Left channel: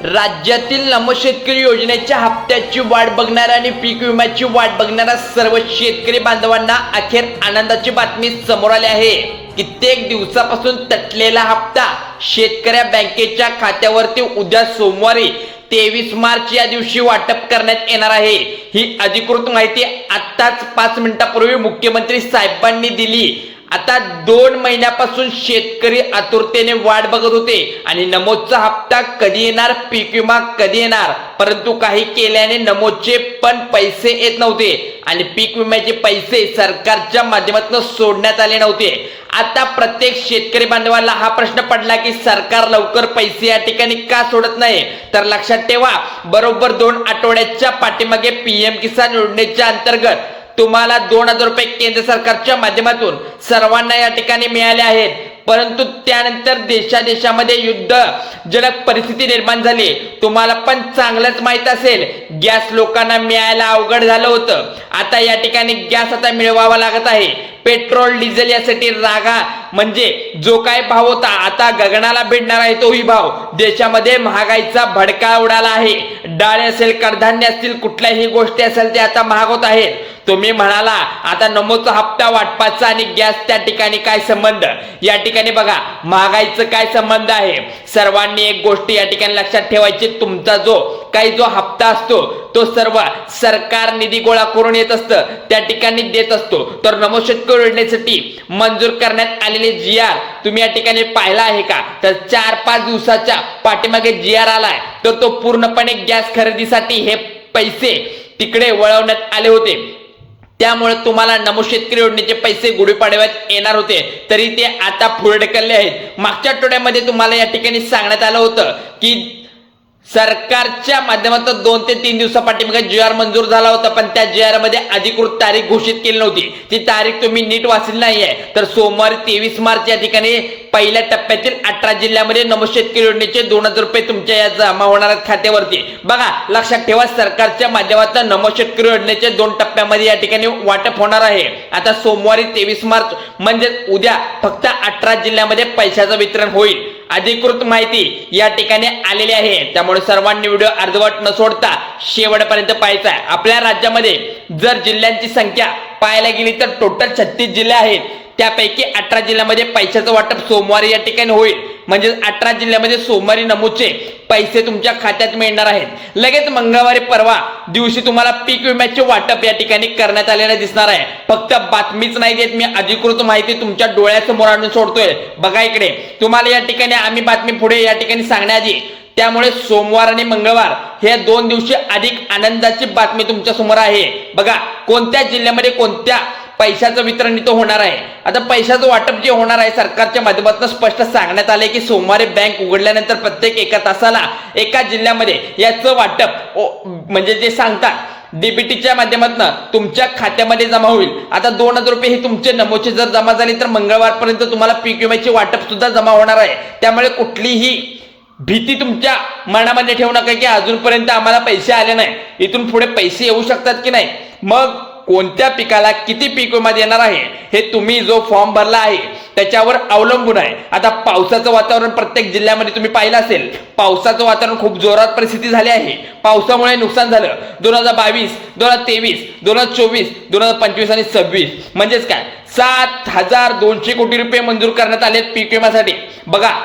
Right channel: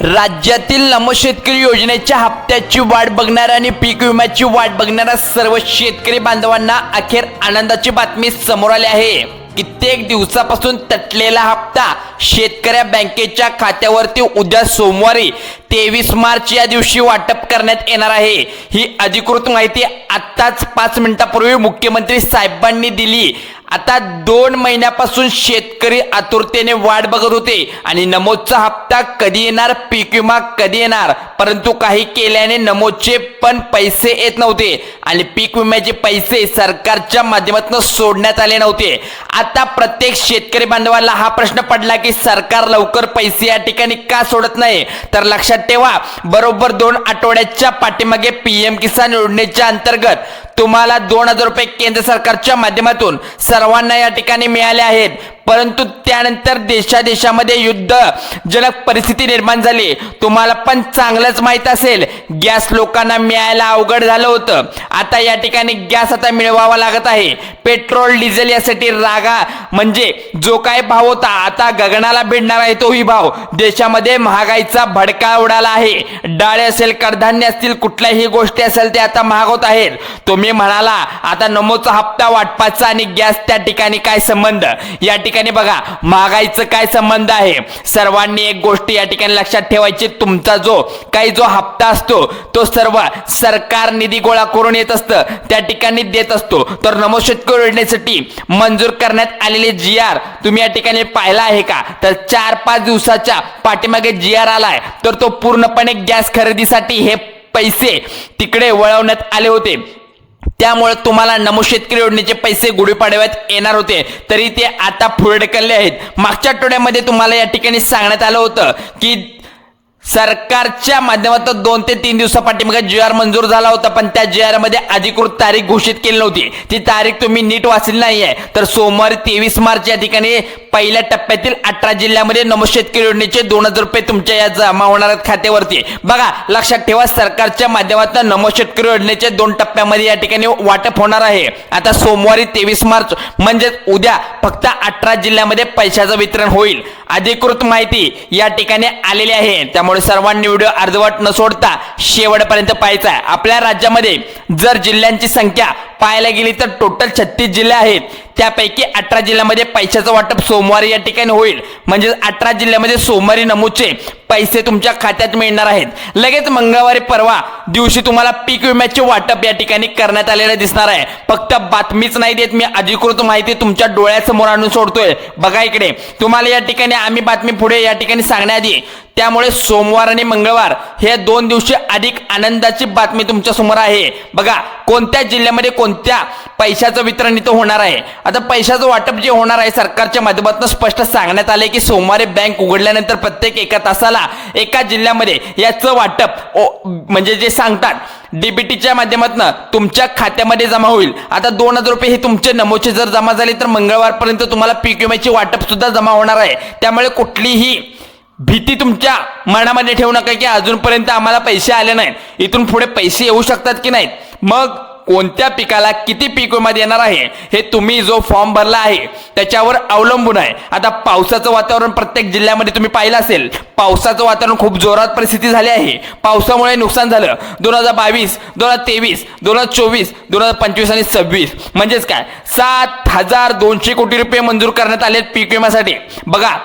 राज्यातील नमो शेतकरी योजनेच्या हप्त्याची वाट बघणाऱ्या आणि पीक विम्याची वाट बघणाऱ्या सर्व शेतकरी बांधवांना अखेर आनंदाची बातमी समोर आली आहे। कित्येक दिवसापासून तटलेला हप्ता शेतकऱ्या बँकेच्या खात्यावरती उद्या सोमवारी 23 मार्च या दिवशी वाटप करण्यात येणार आहे। ही अधिकृत माहिती आताच 5 मिनिटांपूर्वी मुख्यमंत्री साहेबांनी दिली। आता 2 महिन्यापासून शेतकरी आतुरतेने वाट बघत होते आणि नमोदचा हप्ता कधी येणार, पीक विमा कधी येणार, परंतु काही केल्याने नमोदचे पण पैसे येत नव्हते आणि पीक विम्याचे पैसे सरकारच्या माध्यमातून सोडण्यात आले नव्हते। आता प्रत्येक शेतकरी बांधवाला हा प्रश्न पडला की सरकार लवकर पैसे या ठिकाणी का सोडत नाही। तर लक्षात ठेवा, बरोबर 2 आठवड्याच्या पाठीमागे पीएम किसान योजनेच्या अंतर्गत तुम्हाला 2000 रुपये केंद्र सरकारच्या माध्यमातून सर्वांना या ठिकाणी मिळाले आहेत। परंतु त्यानंतर देशामध्ये युद्धजनक परिस्थिती निर्माण झाली। तुम्हाला पण चांगलंच माहित असेल, गॅस लोकांना मिळायला अवघड झालं होतं। आता या ठिकाणी गॅस आता मिळवावा लागत आहे। पेट्रोल डिझेल यासाठी रागा म्हणजे जो काय भाव होता आता गगनाला भिडणार आहे तोही भाव। देशामध्ये महागाईचा भडका उडाला आहे। डाळ असेल, कडधान्य असतील, कुठल्याही गोष्टी असेल ते आता महाग होत आहेत। तुम्ही म्हणाला आता नमोचा हप्ता वाटपाचा आणि गॅस त्या ठिकाणी काय संबंध? या ठिकाणी बघा, महागाईचं काय संबंध आहे। सर्वांनी एक गोष्ट या ठिकाणी लक्षात ठेवायची, तुमचा जो हप्ता असतो तो सर्व सरकार निधी गोळा करून येत असतं, त्या ठिकाणी देत असतो। तर नमो शेतकरी योजनेसाठी मंजूर करण्यात आलेले GR तुम्ही या ठिकाणी पाहिला आहे का? तर 4-5 दिवसाच्या पाठीमागे GR आलाय, तर तो पूर्णपणे गॅस खरेदीसाठी हे पैसे तिकडे वळवण्यात आले होते। त्यामुळे तुम्हाला नमो शेतकरी योजनेचे पैसे गुढीपाडव्यात येणार होते, तरी ते आता पुढे ढकलले आहेत। मागच्या आठवड्यामध्ये तुम्हाला या ठिकाणी सांगण्यात आलं होतं की सरकारच्या माध्यमातून 2 ते 3 दिवसापाठीमागे GR मंजूर झाला होता, पण त्या GR मध्ये अधिकृत तारीख घोषित केली नव्हती। ती तारीख तुम्ही नीट वाचली नाहीये। तर सोमवारी 23 मार्च या ठिकाणी पहिल्या टप्प्यातील 18 जिल्ह्यामध्ये नमो शेतकरी योजनेचे 2000 रुपये तुमच्या या जमा होणार आहेत खात्यावरती। बघा, लक्षात ठेवा, सरकारच्या माध्यमातून नमो शेतकरी योजनेचे 2 टप्प्यामध्ये या ठिकाणी वाटप होणार आहे। आता सोमवारी 23 मार्च म्हणजे उद्या फक्त 18 जिल्ह्यामध्ये पैशाचं वितरण होईल। अधिकृत माहिती या ठिकाणी आलेली आहे, त्यामुळे सर्वांनी व्हिडिओ अर्धवट न सोडता शेवटपर्यंत पाहायचा आहे। आपल्या राज्यामध्ये जर जिल्ह्यांची संख्या पाहायला गेली तर टोटल 36 जिल्हे आहेत। त्यापैकी 18 जिल्ह्यामध्ये पैशाचं वाटप सोमवारी या ठिकाणी होईल। म्हणजे 18 जिल्ह्यामध्ये सोमवारी नमूचे पैसे तुमच्या खात्यात मिळणार आहेत। लगेच मंगळवारी परवा दिवशी तुम्हाला पीक विम्याचे वाटप या ठिकाणी करण्यात आलेले दिसणार आहे। फक्त बातमीच नाही देत मी, अधिकृत माहिती तुमच्या डोळ्यासमोर आणून सोडतोय। बघा इकडे, तुम्हाला या ठिकाणी आम्ही बातमी पुढे या ठिकाणी सांगण्याआधी त्यामुळे सोमवार आणि मंगळवार हे 2 दिवशी अधिक आनंदाची बातमी तुमच्या समोर आहे। बघा, कोणत्या जिल्ह्यामध्ये कोणत्या पैशाचं वितरण इथं होणार आहे। आता पैशाचं वाटप जे होणार आहे सरकारच्या माध्यमातून स्पष्ट सांगण्यात आले की सोमवारी बँक उघडल्यानंतर प्रत्येक 1 तासाला एका जिल्ह्यामध्ये याचं वाटप म्हणजे जे सांगतात डीबीटीच्या माध्यमातून तुमच्या खात्यामध्ये जमा होईल। आता 2000 रुपये हे तुमचे नमोचे जर जमा झाले तर मंगळवारपर्यंत तुम्हाला पीक विम्याचे वाटप सुद्धा जमा होणार आहे। त्यामुळे कुठलीही भीती तुमच्या मनामध्ये ठेवू नका की अजूनपर्यंत आम्हाला पैसे आले नाहीत, इथून पुढे पैसे येऊ शकतात की नाही। मग कोणत्या पिकाला किती पीक विमा देणार आहे हे तुम्ही जो फॉर्म भरला आहे त्याच्यावर अवलंबून आहे। आता पावसाचं वातावरण प्रत्येक जिल्ह्यामध्ये तुम्ही पाहिलं असेल, पावसाचं वातावरण खूप जोरात परिस्थिती झाली आहे। पावसामुळे नुकसान झालं 2022, 2023, 2024, 2025 आणि 26 म्हणजेच काय 7200 कोटी रुपये मंजूर करण्यात आले पीक विम्यासाठी। बघा,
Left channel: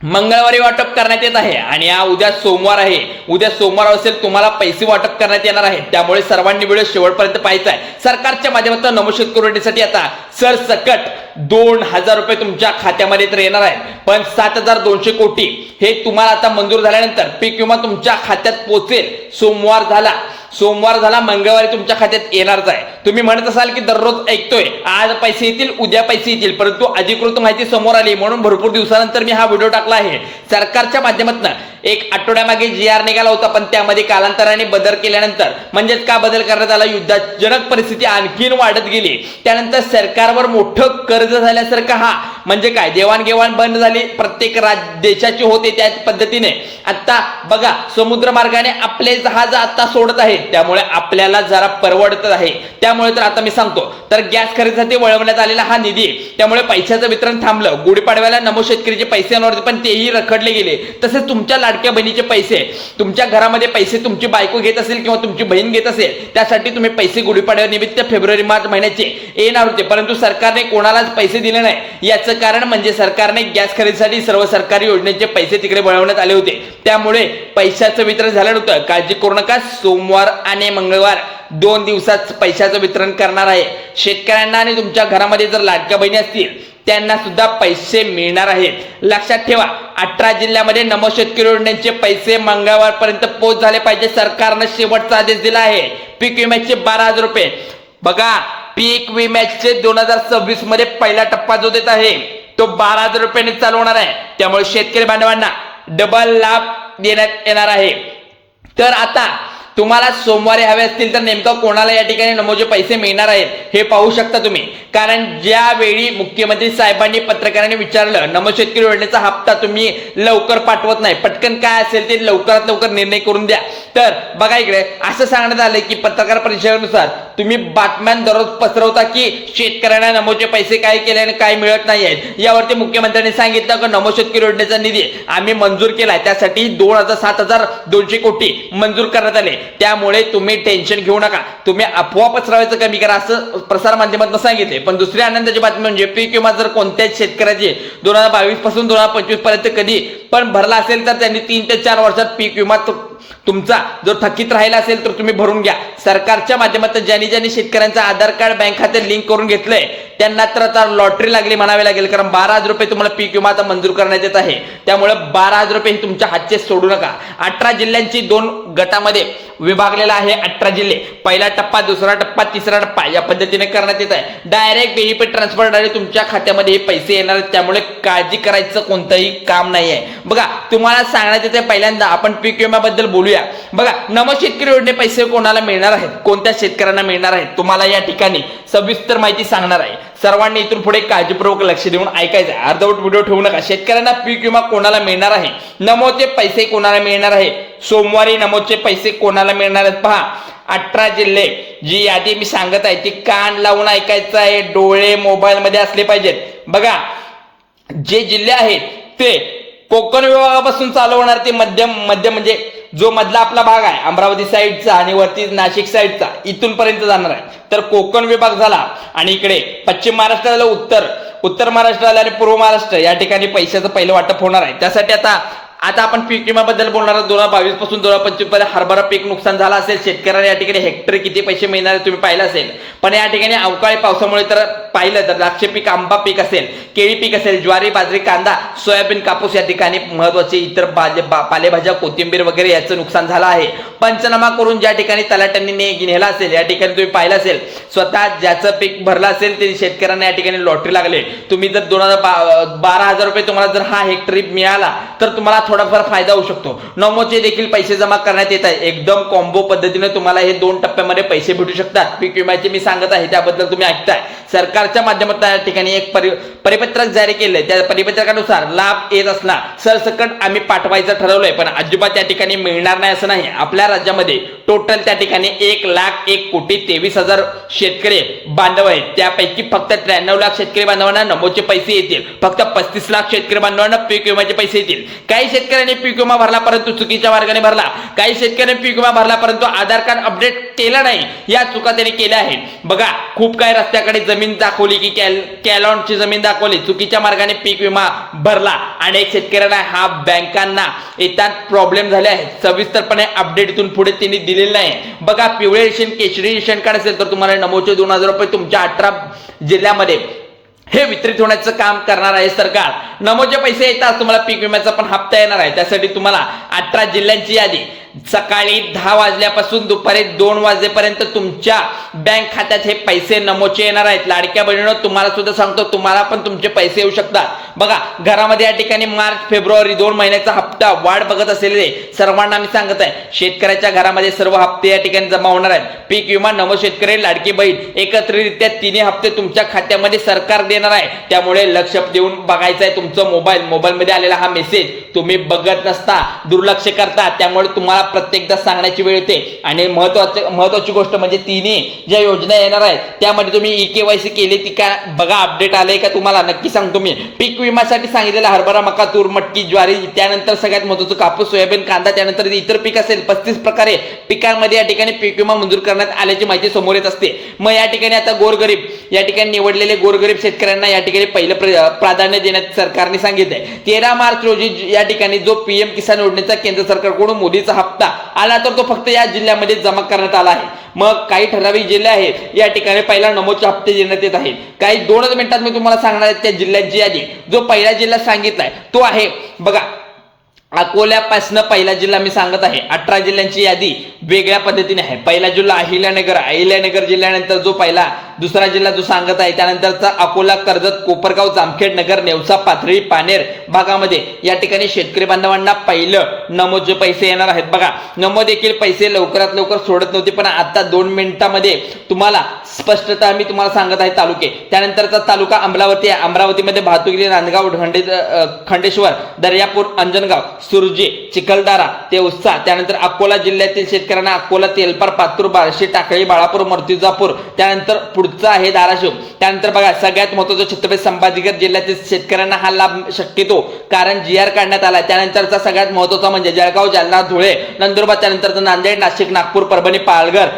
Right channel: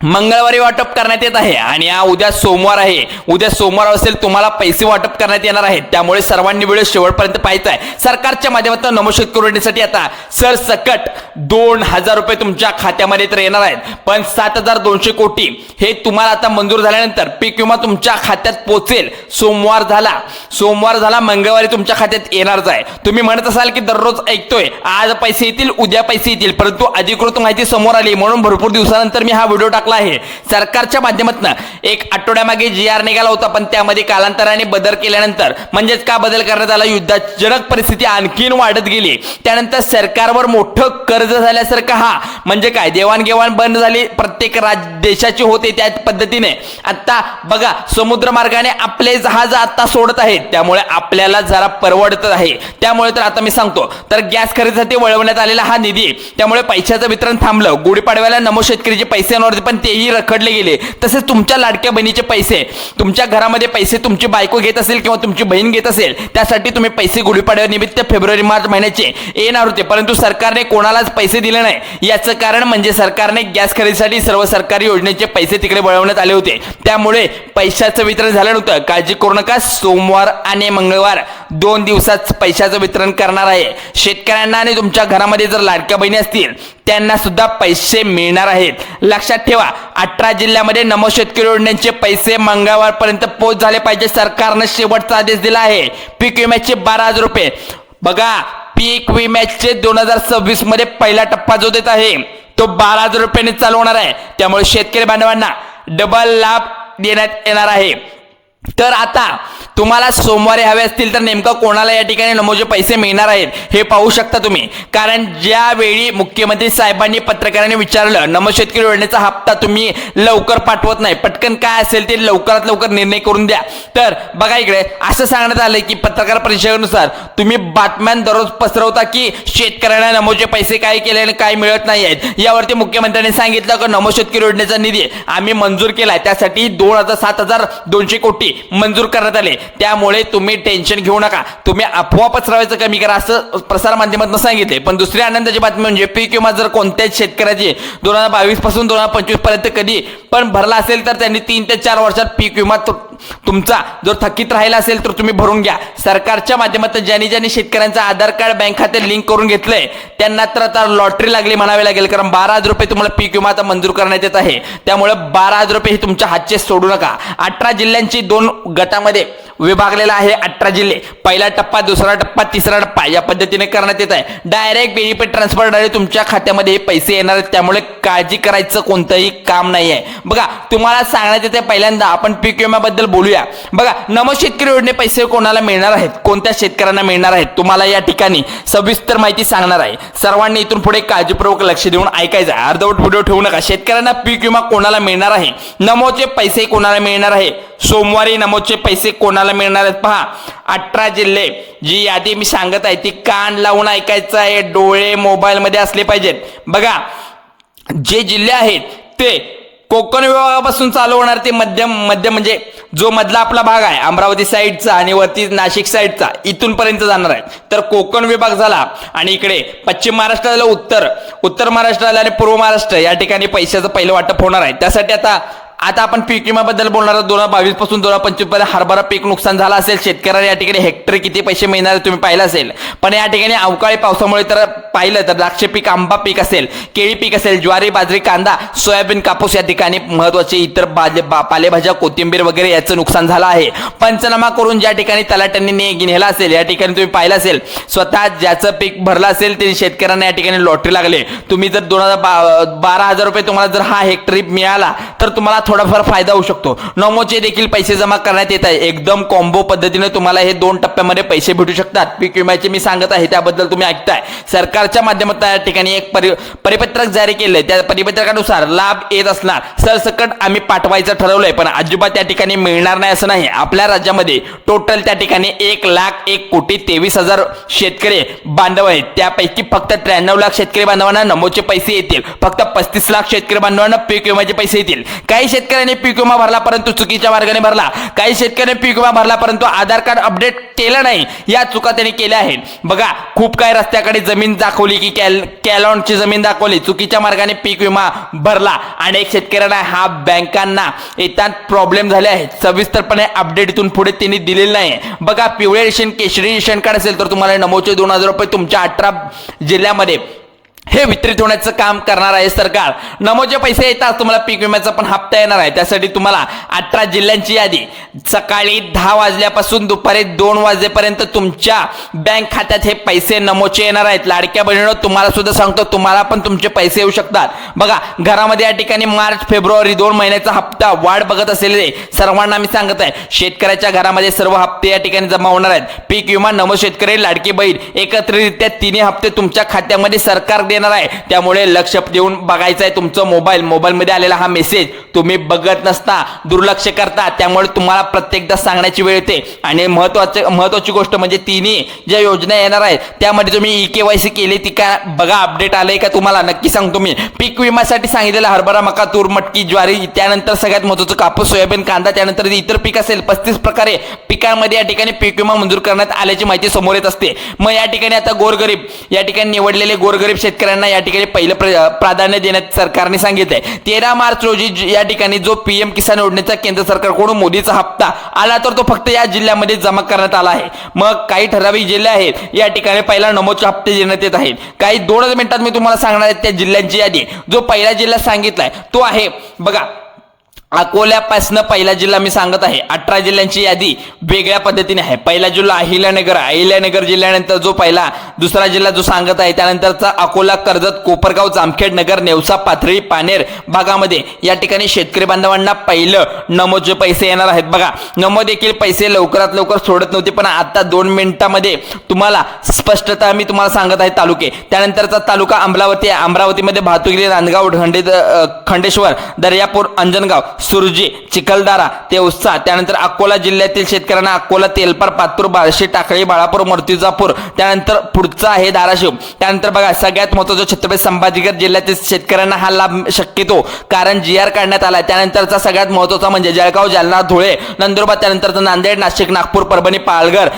मंगळवारी वाटप करण्यात येत आहे आणि उद्या सोमवार आहे। उद्या सोमवार असेल तुम्हाला पैसे वाटप करण्यात येणार आहेत। त्यामुळे सर्वांनी व्हिडिओ शेवटपर्यंत पाहायचा आहे। सरकारच्या माध्यमातून नमो शेतकरी योजनेसाठी आता सरसकट 2000 रुपये तुमच्या खात्यामध्ये तर येणार आहेत, पण 7200 कोटी हे तुम्हाला आता मंजूर झाल्यानंतर पीक विमा तुमच्या खात्यात पोहोचेल। सोमवार झाला मंगळवारी तुमच्या खात्यात येणारच आहे। तुम्ही म्हणत असाल की दररोज ऐकतोय आज पैसे येतील, उद्या पैसे येतील, परंतु अधिकृत माहिती समोर आली म्हणून भरपूर दिवसानंतर मी हा व्हिडिओ टाकला आहे। सरकारच्या माध्यमातून 1 आठवड्यामागे GR निघाला होता, पण त्यामध्ये कालांतराने बदल केल्यानंतर म्हणजेच का बदल करण्यात आला, युद्धजनक परिस्थिती आणखीन वाढत गेली। त्यानंतर सरकारवर मोठं कर्ज झाल्यासारखं हा म्हणजे काय देवाणघेवाण बंद झाली, प्रत्येक देशाची होते त्या पद्धतीने। आता बघा, समुद्र मार्गाने आपले जहाज आता सोडत आहेत। आहेत, त्यामुळे आपल्याला जरा परवडत आहे. त्यामुळे तर आता मी सांगतो, तर गॅस खरेदीसाठी वळवण्यात आलेला हा निधी, त्यामुळे पैशाचं वितरण थांबलं. गुढीपाडव्याला नमो शेतकरीचे पैसे नव्हते, पण तेही रखडले गेले. तसेच तुमच्या लाडक्या बहिणीचे पैसे, तुमच्या घरामध्ये पैसे तुमची बायको घेत असेल किंवा तुमची बहीण घेत असेल, त्यासाठी तुम्ही पैसे गुढीपाडव्यानिमित्त फेब्रुवारी मार्च महिन्याचे येणार होते, परंतु सरकारने कोणालाच पैसे दिले नाही. याचं कारण म्हणजे सरकारने गॅस खरेदीसाठी सर्व सरकारी योजनेचे पैसे तिकडे वळवण्यात आले होते, त्यामुळे पैशाचं वितरण झालं नव्हतं. काळजी करू नका, सोमवार आणि मंगळवार 2 दिवसात पैशाचं वितरण करणार आहे. शेतकऱ्यांना आणि तुमच्या घरामध्ये जर लाडक्या बहिणी असतील त्यांना सुद्धा पैसे मिळणार आहेत. लक्षात ठेवा, 18 जिल्ह्यामध्ये नमो शेतकरी योजनेचे पैसे मंगळवारपर्यंत पोहोच झाले पाहिजे. सरकारनं शेवटचा आदेश दिला आहे. पीक विम्याचे 12,000 रुपये, बघा पीक विम्याचे 2026 मध्ये पहिला टप्पा जो देत आहे तो 12,000 रुपयांनी चालू होणार आहे. त्यामुळे शेतकरी बांधवांना डबल लाभ देण्यात येणार आहे. तर आता तुम्हाला सोमवारी हवे असतील तर नेमकं कोणाला या ठिकाणी नमोचे पैसे मिळणार आहेत हे पाहू शकता तुम्ही. कारण ज्यावेळी मुख्यमंत्री साहेबांनी पत्रकारांनी विचारलं नमो शेतकरी योजनेचा हप्ता तुम्ही लवकर पाठवत नाही, पटकन काय असेल ते लवकरात लवकर निर्णय करून द्या. तर बघा इकडे असं सांगण्यात आलं की पत्रकार परिषदेनुसार तुम्ही बातम्या दररोज पसरवता की शेतकऱ्यांना नमोचे पैसे काय केले आणि काय मिळत नाही आहेत. यावरती मुख्यमंत्र्यांनी सांगितलं की नमो शेतकरी योजनेचा निधी आम्ही मंजूर केला, त्यासाठी 7,200 कोटी मंजूर करण्यात आले. त्यामुळे तुम्ही टेन्शन घेऊ नका, तुम्ही अफवा पसरवायचं कमी करा असं प्रसार माध्यमातून सांगितले. पण दुसरी आनंदाची बातमी म्हणजे पीक विमा जर कोणत्याच शेतकऱ्याची 2022 पासून 2025 पर्यंत कधी पण भरला असेल तर त्यांनी 3 ते 4 वर्षात पीक विमा तुमचा जो थकीत राहिला असेल तर तुम्ही भरून घ्या. सरकारच्या माध्यमातून ज्यांनी शेतकऱ्यांचं आधार कार्ड बँक खाते लिंक करून घेतलंय त्यांना तर आता लॉटरी लागली म्हणावे लागेल, कारण 12,000 रुपये तुम्हाला पीक विमा आता मंजूर करण्यात येत आहे. त्यामुळे 12,000 रुपये हे तुमच्या हातचे सोडू नका. 18 जिल्ह्यांची 2 गटामध्ये विभागलेला आहे. 18 जिल्हे, पहिला टप्पा, दुसरा टप्पा, तिसरा टप्पा या पद्धतीने करण्यात येत आहे. डायरेक्ट बेनिफिट ट्रान्सफर डायरेक्ट तुमच्या खात्यामध्ये हे पैसे येणार आहेत, त्यामुळे काळजी करायचं कोणतंही काम नाही आहे. बघा तुम्हाला सांगण्यात येते, पहिल्यांदा आपण पीक विम्याबद्दल बोलूया. बघा नमो शेतकरी योजने पैसे कोणाला मिळणार आहेत, कोणत्या शेतकऱ्यांना मिळणार आहेत, तुम्हाला या ठिकाणी सविस्तर माहिती सांगणार आहे. सर्वांनी इथून पुढे काळजीपूर्वक लक्ष देऊन ऐकायचं, अर्धवट व्हिडिओ ठेवू नका. शेतकऱ्यांना पीक विमा कोणाला मिळणार आहे, नमोचे पैसे कोणाला मिळणार आहे, सोमवारी नमोचे पैसे कोणाला मिळणार आहेत पहा. 18 जिल्हे, जी यादी मी सांगत आहे ती कान लावून ऐकायचं आहे, डोळे मोबाईल मध्ये असले पाहिजेत. बघा जे जिल्हे आहेत ते कोकण विभागापासून चालू होणार, ते मध्यम म्हणजे जो मधला आपला भाग आहे अमरावती साईडचा आणि वरती नाशिक साईडचा इथून पर्यंत जाणार आहे. तर कोकण विभाग झाला आणि इकडे पश्चिम महाराष्ट्र झालं, उत्तर महाराष्ट्र झालं आणि पूर्व महाराष्ट्र या ठिकाणी पैशाचं पहिलं वाटप होणार आहे. त्यासाठी आता आपण पीक विम्याबद्दल बोलणार आहोत. 2022 पासून 2025 पर्यंत हरभरा पीक नुकसान झालं असेल, शेतकऱ्यांना या ठिकाणी हेक्टरी किती पैसे मिळणार तुम्ही पाहिलं असेल. पण या ठिकाणी अवकाळी पावसामुळे तर पाहिलं तर द्राक्ष पीक, आंबा पीक असेल, केळी पीक असेल, ज्वारी, बाजरी, कांदा, सोयाबीन, कापूस या ठिकाणी महत्वाचे इतर पालेभाज्या, कोथिंबीर वगैरे याचं नुकसान झालं आहे. पंचनामा करून ज्या ठिकाणी तलाट्यांनी नेला असेल या ठिकाणी तुम्ही पाहिलं असेल, स्वतः ज्याचं पीक भरलं असेल ते शेतकऱ्यांना या ठिकाणी लॉटरी लागले. तुम्ही जर 12,000 रुपये तुम्हाला जर हा हेक्टरी मिळाला तर तुम्हाला थोडाफार फायदा होऊ शकतो. नमोचे देखील पैसे जमा करण्यात येत आहे. एकदम कॉम्बो पद्धतीने तुम्हाला हे 2 टप्प्यामध्ये पैसे भेटू शकतात. पीक विम्याचे मी सांगत आहे त्याबद्दल तुम्ही ऐकताय. सरकारच्या माध्यमातून या ठिकाणी एक परिपत्रक जारी केलंय. त्या परिपत्रकानुसार लाभ येत असणार सरसकट आम्ही पाठवायचं ठरवलंय, पण अजिबात त्या ठिकाणी मिळणार नाही असं नाही. आपल्या राज्यामध्ये टोटल त्या ठिकाणी 1,01,23,000 शेतकरी बांधव आहेत. त्यापैकी फक्त 93 लाख शेतकरी बांधवांना नमोचे पैसे येतील. फक्त 35 लाख शेतकरी बांधवांना पीक विम्याचे पैसे येतील. काही शेतकऱ्यांनी पीक विमा भरला परंतु चुकीच्या मार्गाने भरला, काही शेतकऱ्यांनी पीक विमा भरला परंतु आधार कार्ड अपडेट केलं नाही, या चुका त्यांनी केल्या आहेत. बघा खूप काही रस्त्याकडे जमीन दाखवली की कॅलॉनची जमीन दाखवली, चुकीच्या मार्गाने पीक विमा भरला. अनेक शेतकऱ्यांना हा बँकांना येतात प्रॉब्लेम झाले आहेत. सविस्तरपणे अपडेट इथून पुढे त्यांनी दिलेलं नाही. बघा पिवळे रेशन, केशरी रेशन कार्ड असेल तर तुम्हाला नमोचे 2,000 रुपये तुमच्या 18 जिल्ह्यामध्ये हे वितरित होण्याचं काम करणार आहे सरकार. नमोचे पैसे येतात तुम्हाला पीक विम्याचा पण हप्ता येणार आहे. त्यासाठी तुम्हाला 18 जिल्ह्यांची यादी सकाळी 10 वाजल्यापासून दुपारी 2 वाजेपर्यंत तुमच्या बँक खात्यात हे पैसे नमोचे येणार आहेत. लाडक्या बहिणींनो तुम्हाला सुद्धा सांगतो, तुम्हाला पण तुमचे पैसे येऊ शकतात. बघा घरामध्ये या ठिकाणी मार्च फेब्रुवारी 2 महिन्याचा हप्ता वाढ बघत असलेले सर्वांना मी सांगत आहे, शेतकऱ्याच्या घरामध्ये सर्व हप्ते या ठिकाणी जमा होणार आहेत. पीक विमा, नमो शेतकरी, लाडकी बहीण एकत्रितरित्या 3 हप्ते तुमच्या खात्यामध्ये सरकार येणार आहे, त्यामुळे लक्ष देऊन बघायचं आहे तुमचं मोबाईलमध्ये आलेला हा मेसेज तुम्ही बघत नसता, दुर्लक्ष करता, त्यामुळे तुम्हाला प्रत्येकदा सांगण्याची वेळ येते. आणि महत्वाची गोष्ट म्हणजे तिन्ही ज्या योजना येणार आहेत त्यामध्ये तुम्ही EKYC केली ती का बघा, अपडेट आलंय का तुम्हाला नक्की सांगतो मी. पीक विम्यासाठी सांगितलेलं हरभरा, मका, तूर, मटकी, ज्वारी, त्यानंतर सगळ्यात महत्त्वाचं कापूस, सोयाबीन, कांदा, त्यानंतर इतर पीक असेल 35 प्रकारे पिकांमध्ये या ठिकाणी पीक विमा मंजूर करण्यात आल्याची माहिती समोर येत असते. मग या ठिकाणी आता गोरगरीब या ठिकाणी निवडलेले गोरगरीब शेतकऱ्यांना या ठिकाणी पहिलं प्राधान्य देण्यात सरकारने सांगितलंय. 13 मार्च रोजी या ठिकाणी जो PM किसान योजनेचा केंद्र सरकारकडून मोदीचा हप्ता आला तर तो फक्त या जिल्ह्यामध्ये जमा करण्यात आला आहे. मग काही ठराविक जिल्हे आहेत या ठिकाणी पहिला नमोचे हप्ते देण्यात येत आहेत. काही 2 मिनिटात मी तुम्हाला सांगणार आहे त्या जिल्ह्यांची यादी. जो पहिला जिल्हा सांगितलाय तो आहे बघा अकोल्यापासून पहिला जिल्हा मी सांगत आहे. 18 जिल्ह्यांची यादी वेगळ्या पद्धतीने आहे. पहिला जिल्हा अहिल्यानगर जिल्ह्यानंतर जो पहिला दुसरा जिल्हा जो सांगत आहे त्यानंतरचा अकोला, कर्जत, कोपरगाव, जामखेड नगर, नेवसा, पाथरी, पानेर भागामध्ये या ठिकाणी शेतकरी बांधवांना पहिलं नमोचे पैसे येणार आहेत. बघा नमो देखील पैसे लवकरात लवकर सोडत नव्हते, पण आता 2 मिनिटांमध्ये तुम्हाला स्पष्टता मी तुम्हाला सांगत आहे तालुके. त्यानंतरचा तालुका अमरावतीमध्ये भातुकली, नांदगाव, खंडेश्वर, दर्यापूर, अंजनगाव, सुरजी, चिखलदरा, तेवसा. त्यानंतर अकोला जिल्ह्यातील शेतकऱ्यांना अकोला, तेलपार, पातूर, बार्शी, टाकळी, बाळापूर, मूर्तिजापूर. त्यानंतर पुढचा आहे धाराशिव. त्यानंतर बघा सगळ्यात महत्त्वाचा छत्रपती संभाजीनगर जिल्ह्यातील शेतकऱ्यांना हा लाभ शक्यतो कारण GR काढण्यात आला. त्यानंतरचा सगळ्यात महत्त्वाचा म्हणजे जळगाव, जालना, धुळे, नंदुरबार, त्यानंतर नांदेड, नाशिक, नागपूर, परभणी, पालघर,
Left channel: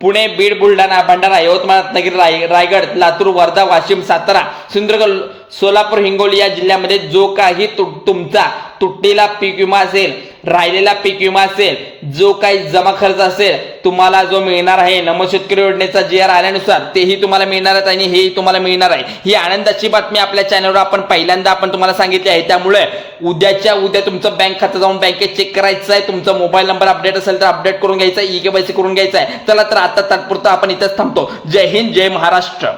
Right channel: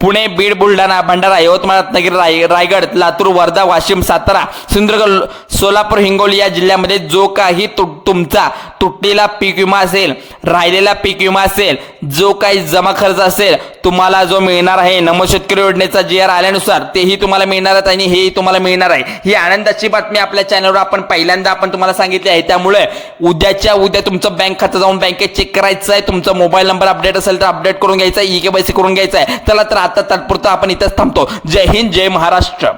पुणे, बीड, बुलढाणा, भंडारा, यवतमाळ, रत्नागिरी, रायगड, लातूर, वर्धा, वाशिम, सातारा, सिंधुदुर्ग, सोलापूर, हिंगोली या जिल्ह्यामध्ये जो काही तुमचा तुटलेला पीक विमा असेल, राहिलेला पीक विमा असेल, जो काही जमा खर्च असेल तुम्हाला जो मिळणार आहे नमो शेतकरी योजनेचा GR आल्यानुसार तेही तुम्हाला मिळणार आहे आणि हेही तुम्हाला मिळणार आहे. ही आनंदाची बातमी आपल्या चॅनलवर आपण पहिल्यांदा तुम्हाला सांगितली आहे. त्यामुळे उद्याच्या उद्या तुमचं बँक खातं जाऊन बँकेत चेक करायचं आहे. तुमचा मोबाईल नंबर अपडेट असेल तर अपडेट करून घ्यायचा आहे, EKYC करून घ्यायचा आहे. चला तर आता तात्पुरता आपण इथंच थांबतो. जय हिंद, जय महाराष्ट्र.